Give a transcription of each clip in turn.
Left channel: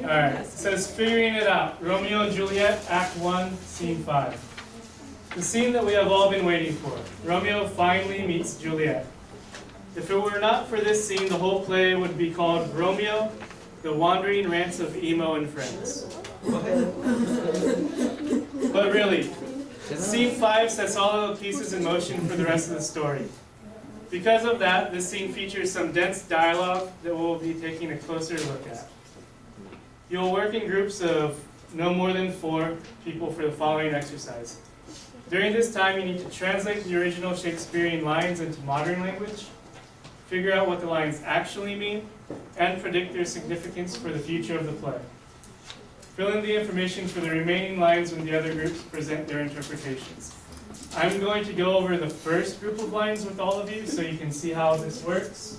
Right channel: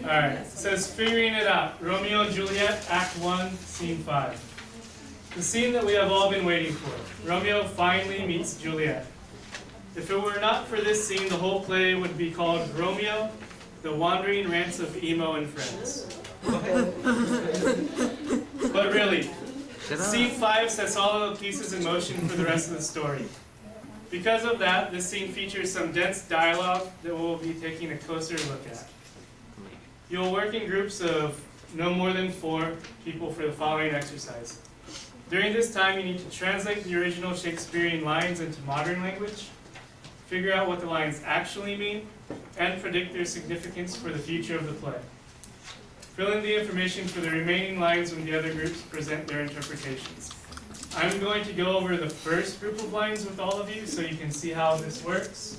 Alright, it says figuring it out. Romeo and Juliet, Act 1, Scene 5. The scene that we have all been waiting for. Romeo finally meets Juliet. If it were not for this scene, the whole play would be called Romeo, the Wandering Rants of Emo and Friends. But really, Scene 5 sets all of the pieces in motion for the rest of the story. Because of that, this scene features some dense dialogue that we'll be taking a closer look at. You'll work in groups of no more than 4 people for the following exercise. During this time, you need to translate the original Shakespearean lines into modern language, figure out what the lines actually mean, and predict their significance for the future of the play. Fill in the information for the remaining lines when the other groups present their interpretations. I'm going to go over the first group of lines with all of you so you can see how this works.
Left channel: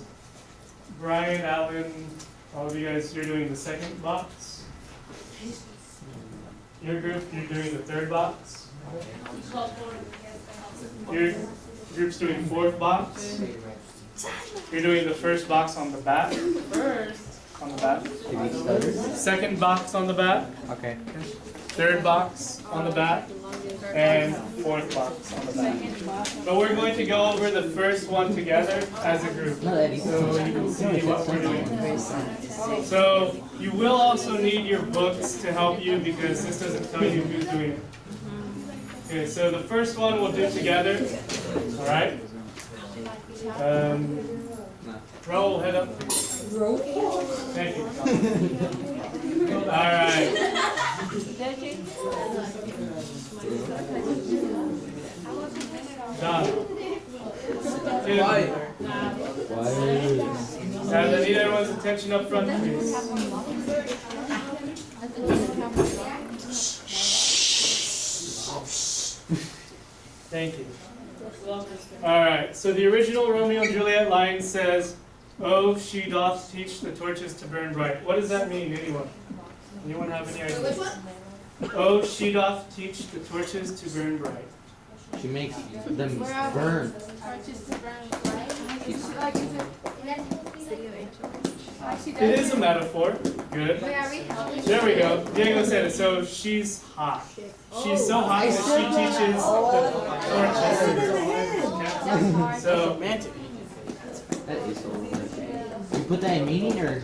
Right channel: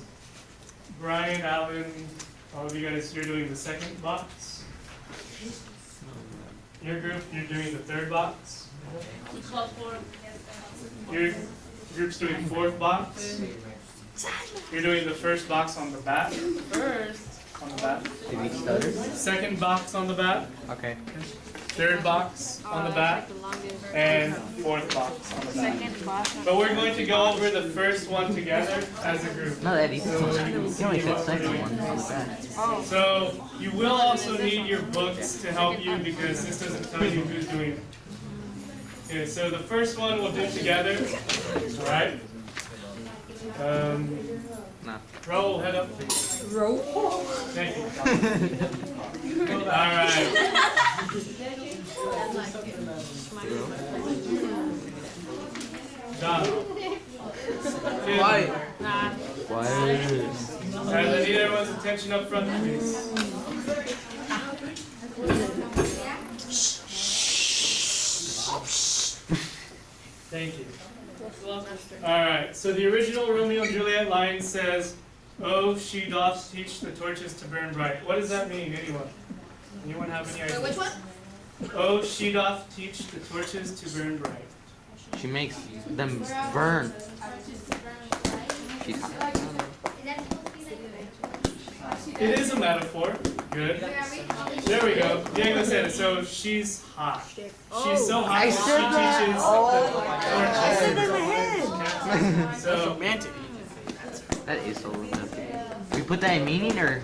Brian, Alan, all of you guys, you're doing the second box. Your group, you're doing the third box. Your group's doing fourth box. You're doing the first box on the back. On the back. Second box on the back. Okay. Third box on the back. And fourth box on the back. But we're going to go over the first one together as a group. So you can see what we're doing. So you will also need your books to help you because this doesn't tell you who's doing it. Okay, so the first one we'll do together. Alright? Roll, head up. Roll. Thank you. Alright. Done. Why? I need everyone's attention up front, please. Thank you. Alright, so the original Romeo and Juliet line says, "Oh, she doth teach the torches to burn bright." What does that mean, anyone? Anyone have any idea? Which one? "Oh, she doth teach the torches to burn bright." She makes them burn. It is a metaphor. Good. There we go. Diego said it. So she's hot. She's so hot that she teaches the torches. So romantic. That is so romantic. We put that in meaning, or?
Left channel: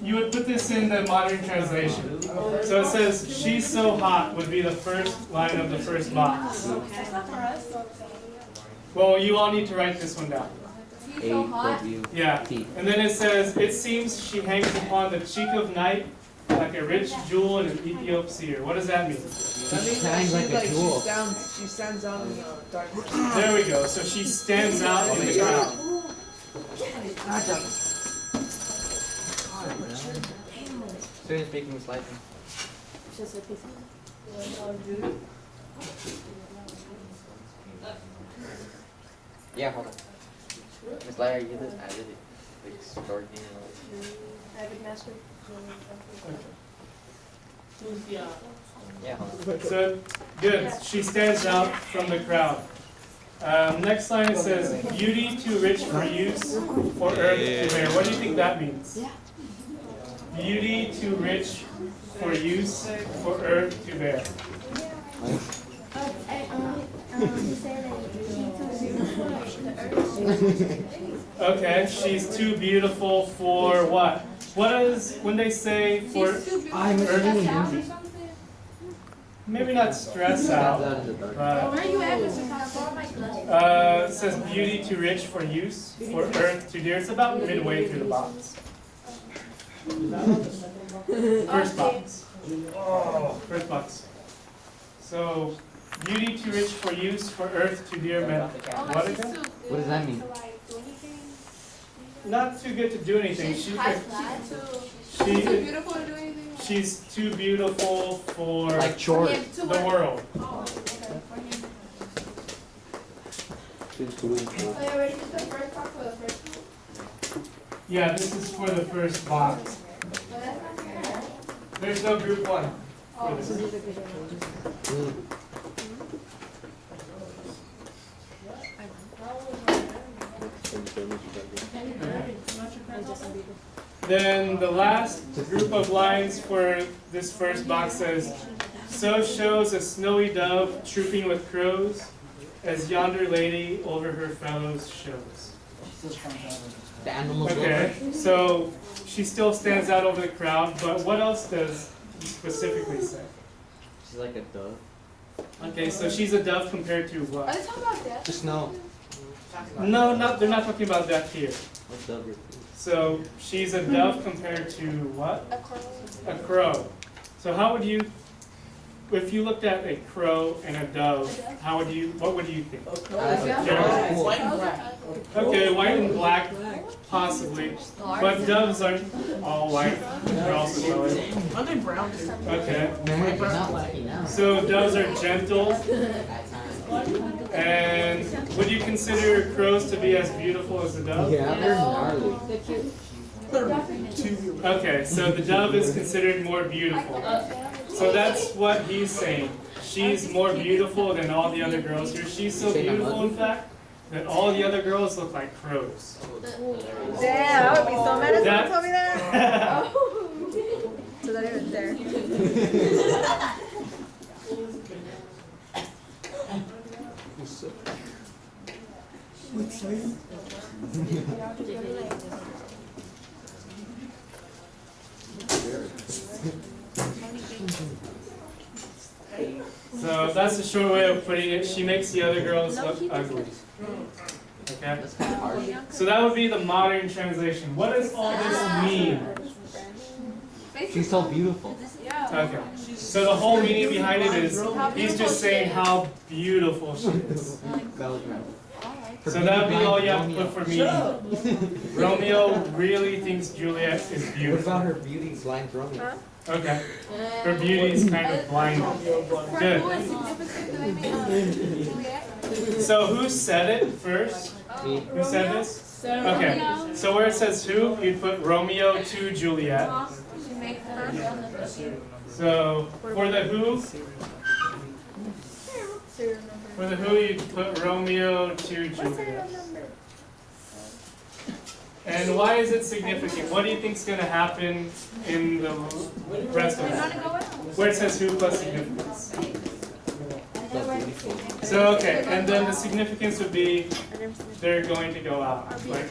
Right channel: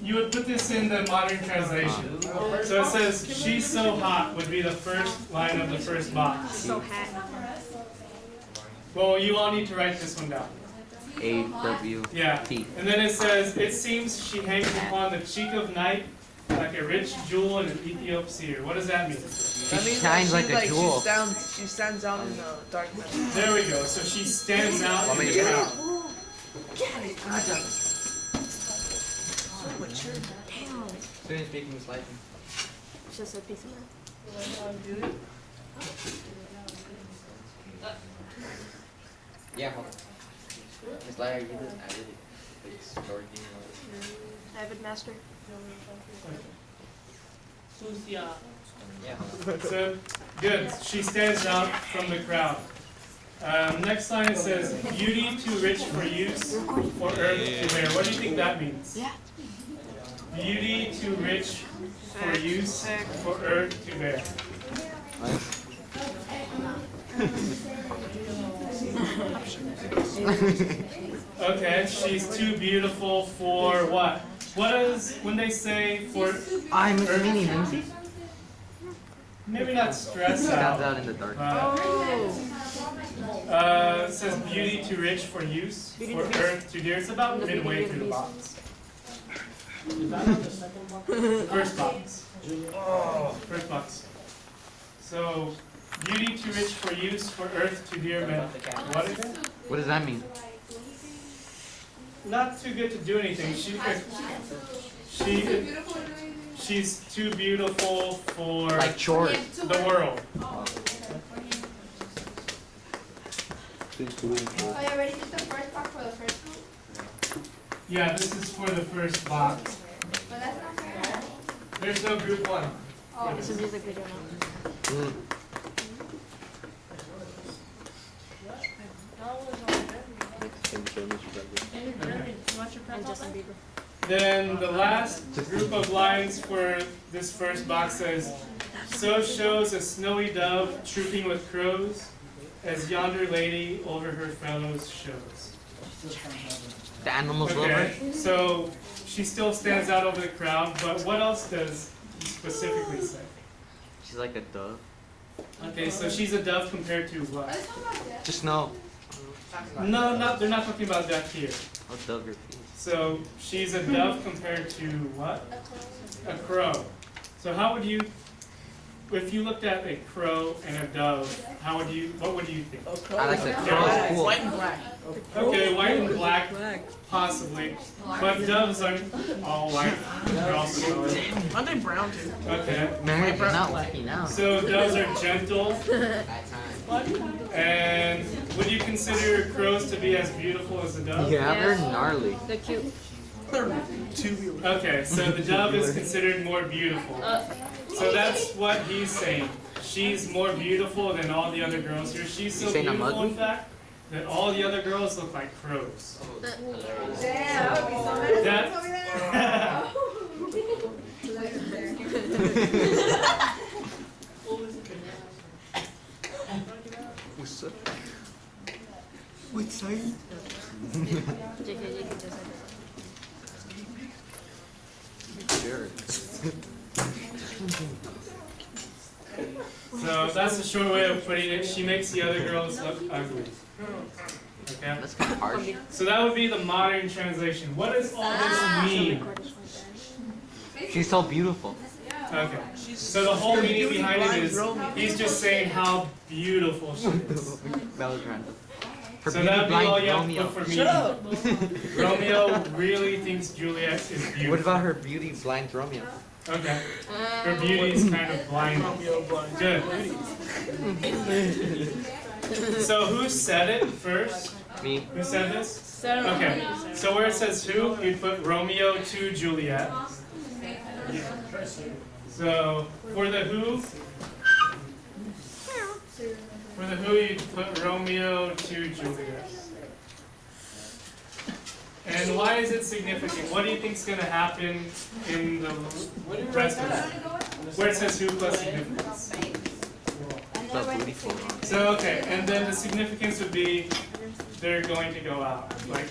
you would put this in the modern translation. So it says, "She's so hot" would be the first line of the first box. Well, you all need to write this one down. A-W. Yeah. T. And then it says, "It seems she hangs upon the cheek of night like a rich jewel in an Ethiopian seer." What does that mean? She shines like a jewel. She stands out in the darkness. There we go. So she stands out in the crowd. Student speaking is lightning. Just a piece of Yeah, hold on. Miss Lyra, you just added it. Like, story thing. Avid master. Yeah, hold on. So, good. She stands out from the crowd. Next line it says, "Beauty too rich for use, for earth to bear." What do you think that means? Yeah. Beauty too rich for use, for earth to bear. Okay, she's too beautiful for what? What is when they say for I'm earth? Maybe not stress Stands out out. in the dark. It says beauty too rich for use, for earth too dear. It's about midway through the box. First box. First box. So, beauty too rich for use, for earth too dear meant what again? What does that mean? Not too good to do anything. She's too beautiful for Like chores. the world. Yeah, this is for the first box. There's no group one. This is a good one. Okay. And Justin Bieber. Then the last group of lines for this first box says, so shows a snowy dove trooping with crows, as yonder lady over her fellows shows. The animals love Okay, her. so she still stands out over the crowd, but what else does he specifically say? She's like a dove. Okay, so she's a dove compared to what? The snow. No, they're not talking about that here. I'll dove your feet. So she's a dove compared to what? A crow. So how would you, if you looked at a crow and a dove, what would you think? I like the Yeah. crow. Cool. White and black. Okay, white and black, possibly. But doves aren't all white. They're also colored. Aren't they brown too? Okay. Man, it's not lucky now. So doves are gentle. And would you consider crows to be as beautiful as a dove? Yeah, they're gnarly. They're cute. Okay, so the dove is considered more beautiful. So that's what he's saying. She's more beautiful than all the other girls here. She's so saying I'm beautiful, in ugly? fact, that all the other girls look like crows. Damn, I would be so mad if That- someone told me that. So that even there. Which side? So that's the short way of putting it. She makes the other girls look ugly. Okay? That's kind of harsh. So that would be the modern translation. What does all this mean? She's so beautiful. Okay. So the whole meaning behind it is he's just saying how beautiful she is. That was random. So that would be all you have to put for meaning. Romeo really thinks Juliet is beautiful. What about her beauty blinds Romeo? Okay. Her beauty is kind of blind. Good. So who said it first? Me. Who said this? Okay. So where it says who, you'd put Romeo to Juliet. So for the who, you'd put Romeo to Juliet. And why is it significant? What do you think is going to happen in the rest of it? Where it says who plus significance. So beautiful. So okay, and then the significance would be they're going to go out, like,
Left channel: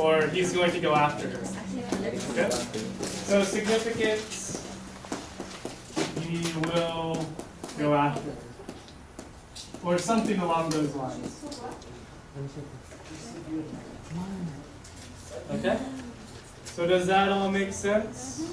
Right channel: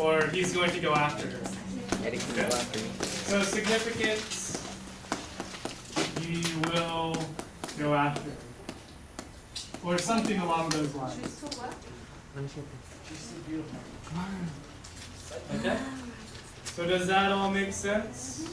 or he's going to go after her. Okay? So significance, he will go after her, or something along those lines. Okay? So does that all make sense?